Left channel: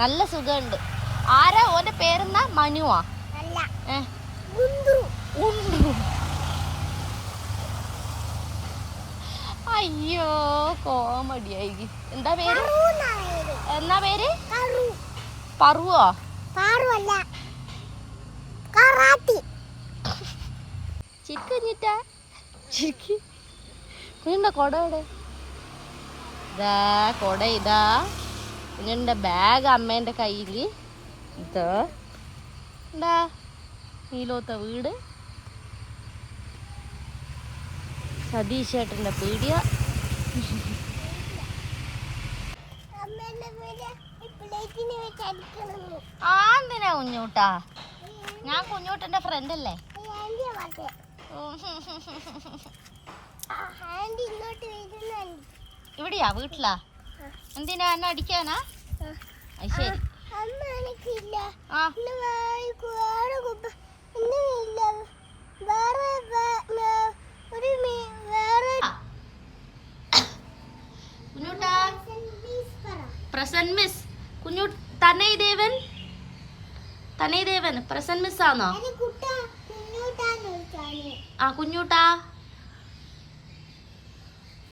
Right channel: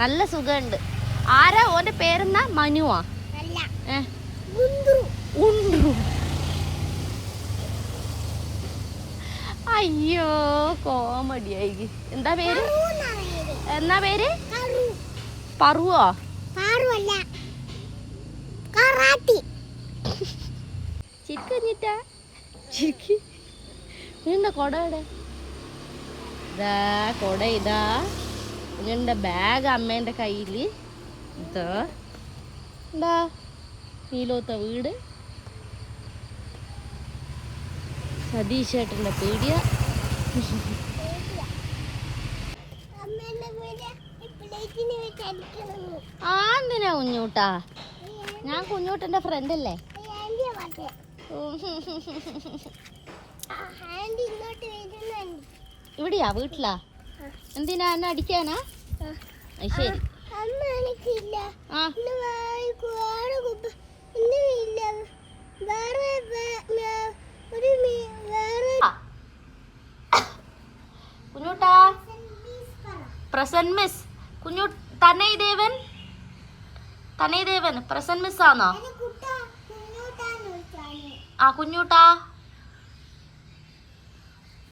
നല്ല സുഖമുണ്ട്. ആരാ ഓന്റെ പേരെന്നാ? മനുവാ? അയ്യോ കോമഡിയായി. എന്താ പേര്? എന്നാ പേര്? പറുവോ? ചിരിക്കഞ്ഞിട്ടാ ചിരിക്ക്. നിന്റെ കൊട എവിടെ? ഇതാ കൊട. ഇതാ നിന്റെ ബാഗ് അമ്മേന്റെ കയ്യില്. ഇതോ എന്താ നീലോത്ത വീട്, സതീഷ് ചേട്ടന്റെ പീടിയ. എന്തിനാ കുഞ്ഞൂട്ടാ? ഞാൻ കുഞ്ഞൂട്ടന്റെ ഫ്രണ്ട് അല്ലേ? ഇവിടെയാ വീട്ടിലാ? എന്തിനാ എന്നെ അടിക്കാനാ? ശരി. കുഞ്ഞൂട്ടാ പ്രസന്റ് മിസ്. കുഞ്ഞു തനയദേവൻ പ്രസന്റ് മിസ് ആണോ? ആ കുഞ്ഞൂട്ടാ